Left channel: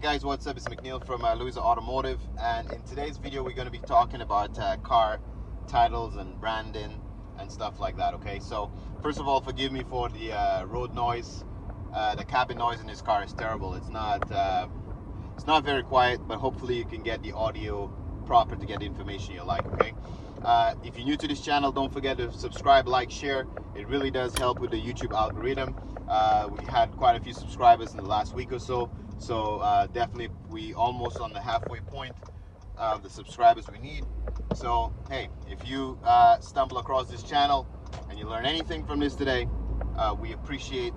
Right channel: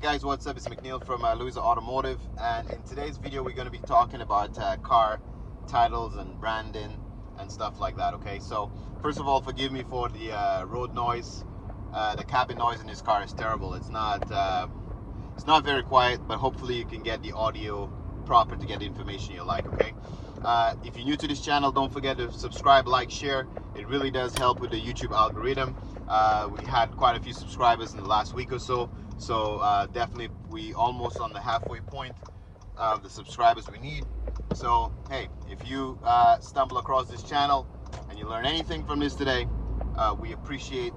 guys, what's up? It's McNeil from Louisa Automotive, and in today's video we're going to be talking about car titles and branding and stuff like that. Okay, so first of all, forgive me for the road noise. The cabin noise in this car is terrible. It's not very quiet, but hopefully you can get the audio proper to get the information you like. Okay, if you're new to this channel, don't forget to subscribe, like, share. It really does help with the YouTube algorithm. We had quite a few subscribers in the last week or so, definitely we almost on the halfway point of the subscribers we need. So hey, if you stumble across this channel and you learn anything from this today, we appreciate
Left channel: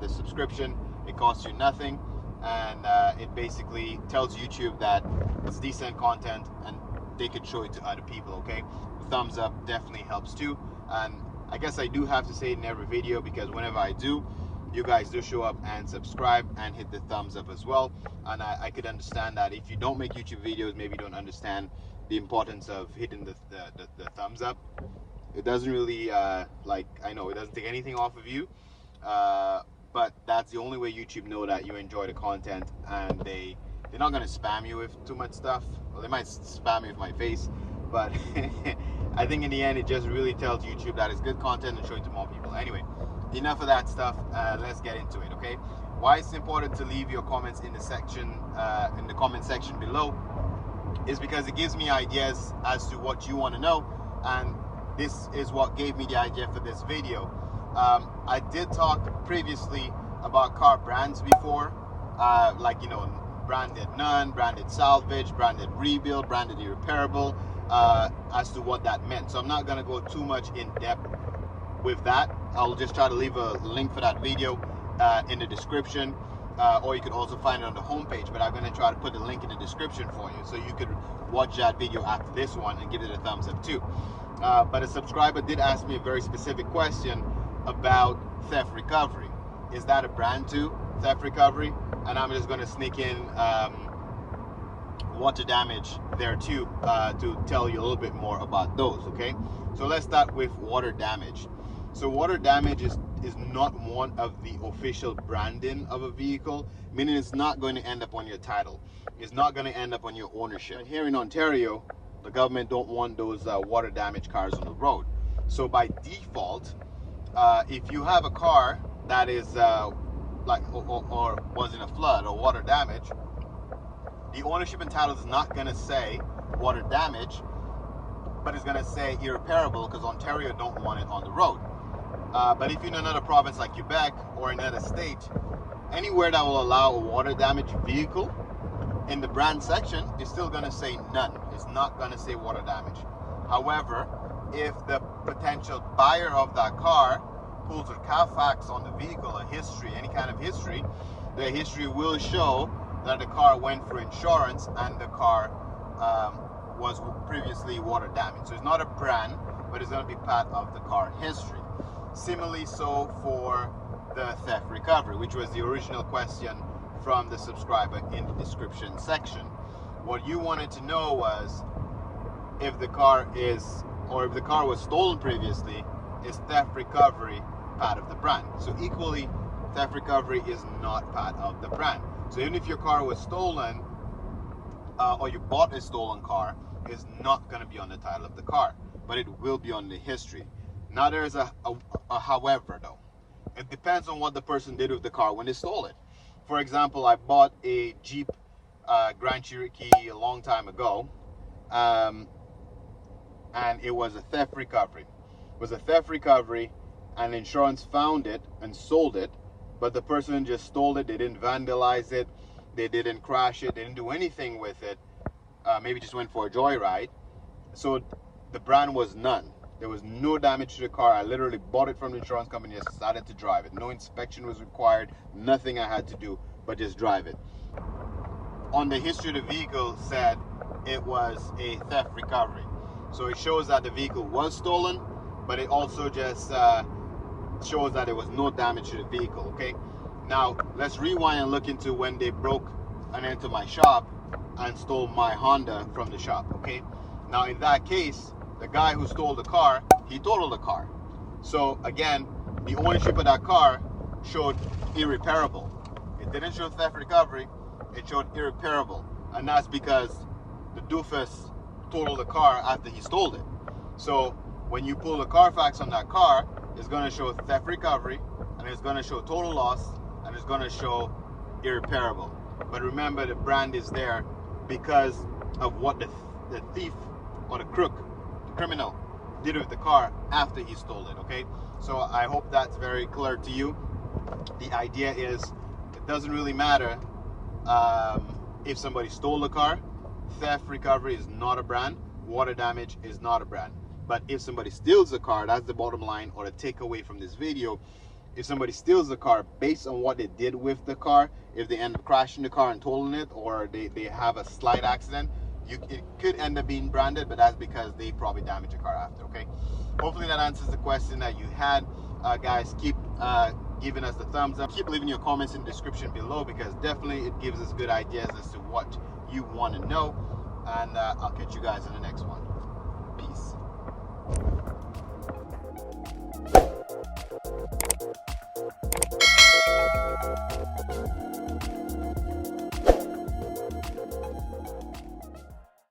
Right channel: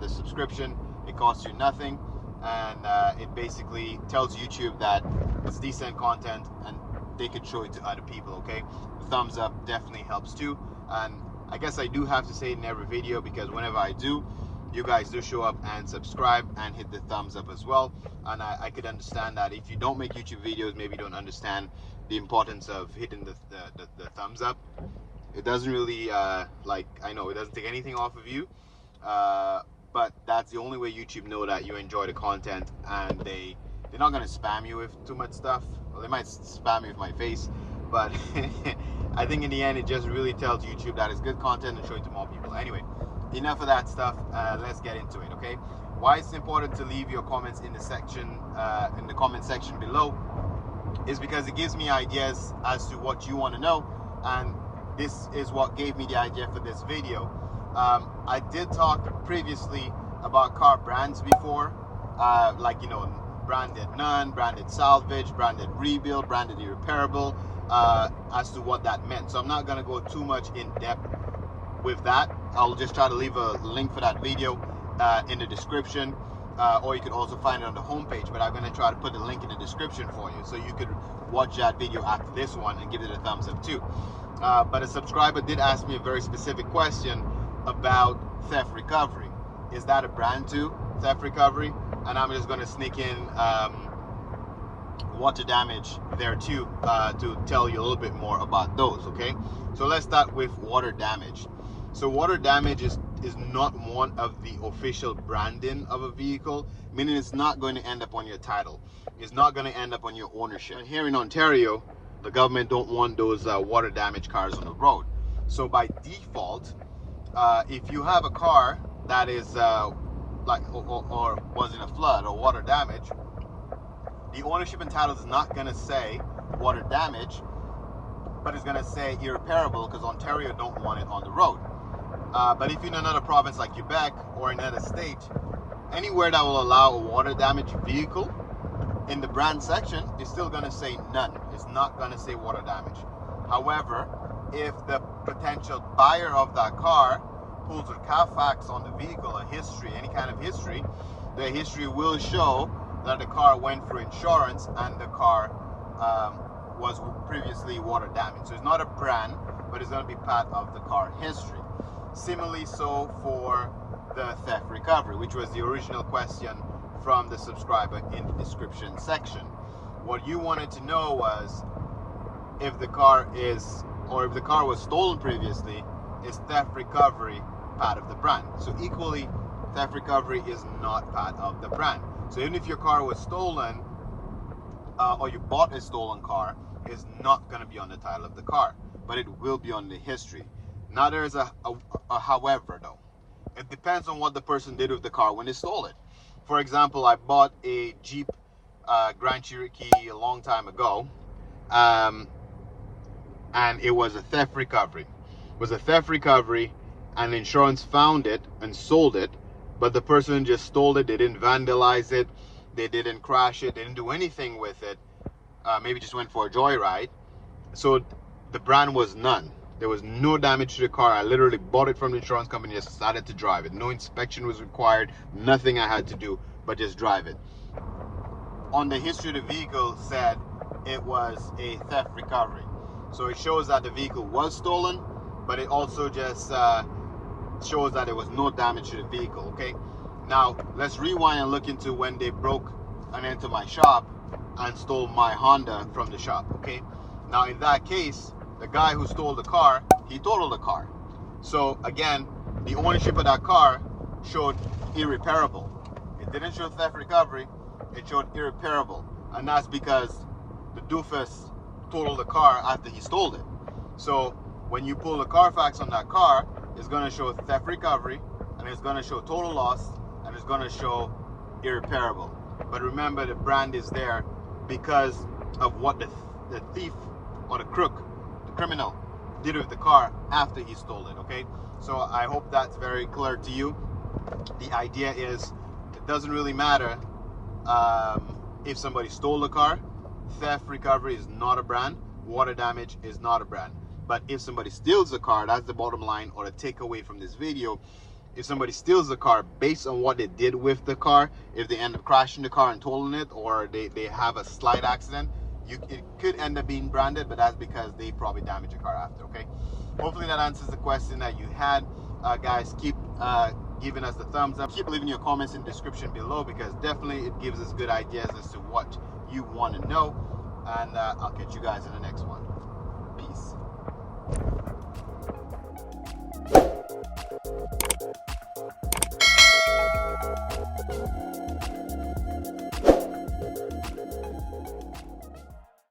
the subscription. It costs you nothing, and it basically tells YouTube that it's decent content and they could show it to other people. Okay, the thumbs up definitely helps too, and I guess I do have to say it in every video because whenever I do, you guys do show up and subscribe and hit the thumbs up as well. And I could understand that if you don't make YouTube videos, maybe you don't understand the importance of hitting the thumbs up. It doesn't really I know it doesn't take anything off of you, but that's the only way YouTube know that you enjoy the content, and they're not going to spam you with too much stuff. Well, they might spam me with my face, but I think in the end it just really tells YouTube that it's good content and show it to more people. Anyway, enough of that stuff. Let's get into it. Okay, why it's important to leave your comments in the section in the comment section below is because it gives me ideas as to what you want to know, and this is what gave me the idea for this video. I did talk previously about car brands before, like, you know, branded none, branded salvage, branded rebuild, branded irreparable, as to what that meant. So I'm not going to go too much in depth with that. I'll just try to leave a link for that video in the description, or you could also find it on the homepage, but I'm going to try to put the link in the description for you so you could watch that video after this one and give it a thumbs up too. But a subscriber did ask me a very specific question about theft recovery. Is that a brand too, theft recovery? And I'm just going to sneak in water damage there too, to tell you a little bit more about those. Okay, so let's start with water damage. So water damage is not one of the official branding of a vehicle, meaning it's not going to end up on your title. It's not going to end up on your ownership. And here in Ontario, the government don't want those water damage cars on the road. So by default, if you have a car that is or was in a flood or water damage, the ownership and title is not going to say water damage, but it's going to say irreparable because Ontario don't want it on the road. But if you're in another province like Quebec or another state, anywhere that will allow a water damage vehicle, in the brand section, it's still going to say none. It's not going to say water damage. However, if the potential buyer of that car pulls a CarFax on the vehicle, a history, any kind of history, the history will show that the car went for insurance and the car was previously water damaged. So it's not a brand, but it's going to be part of the car history. Similarly, so for the theft recovery, which was the original question from the subscriber in the description section. What you wanted to know was if the car was stolen previously, is theft recovery part of the brand? So equally, theft recovery is not part of the brand. So even if your car was stolen, or you bought a stolen car, it's not going to be on the title of the car, but it will be on the history. Now there is a however though. It depends on what the person did with the car when they stole it. For example, I bought a Jeep Grand Cherokee a long time ago, and it was a theft recovery. It was a theft recovery, and insurance found it and sold it, but the person just stole it. They didn't vandalize it, they didn't crash it, they didn't do anything with it, maybe just went for a joyride. So the brand was none. There was no damage to the car. I literally bought it from the insurance company, just started to drive it. No inspection was required, nothing I had to do but just drive it. On the history, the vehicle said it was a theft recovery. So it shows that the vehicle was stolen, but it also just shows that there was no damage to the vehicle. Okay, now let's rewind and look into when they broke and entered my shop and stole my Honda from the shop. Okay, now in that case, the guy who stole the car, he totaled the car. So again, the ownership of that car showed irreparable. It didn't show theft recovery, it showed irreparable, and that's because the doofus totaled the car after he stole it. So when you pull the CarFax on that car, it's going to show theft recovery, and it's going to show total loss, and it's going to show irreparable. But remember, the brand is there because of what the thief or the crook, the criminal, did with the car after he stole it. Okay, so I hope that's very clear to you. The idea is, it doesn't really matter if somebody stole the car. Theft recovery is not a brand. Water damage is not a brand. But if somebody steals the car, that's the bottom line, or the takeaway from this video. If somebody steals the car based on what they did with the car, if they end up crashing the car and totaling it, or they have a slight accident, it could end up being branded, but that's because they probably damaged the car after. Okay, hopefully that answers the question that you had. Guys, keep giving us the thumbs up, keep leaving your comments in the description below, because definitely it gives us good ideas as to what you want to know, and I'll catch you guys in the next one.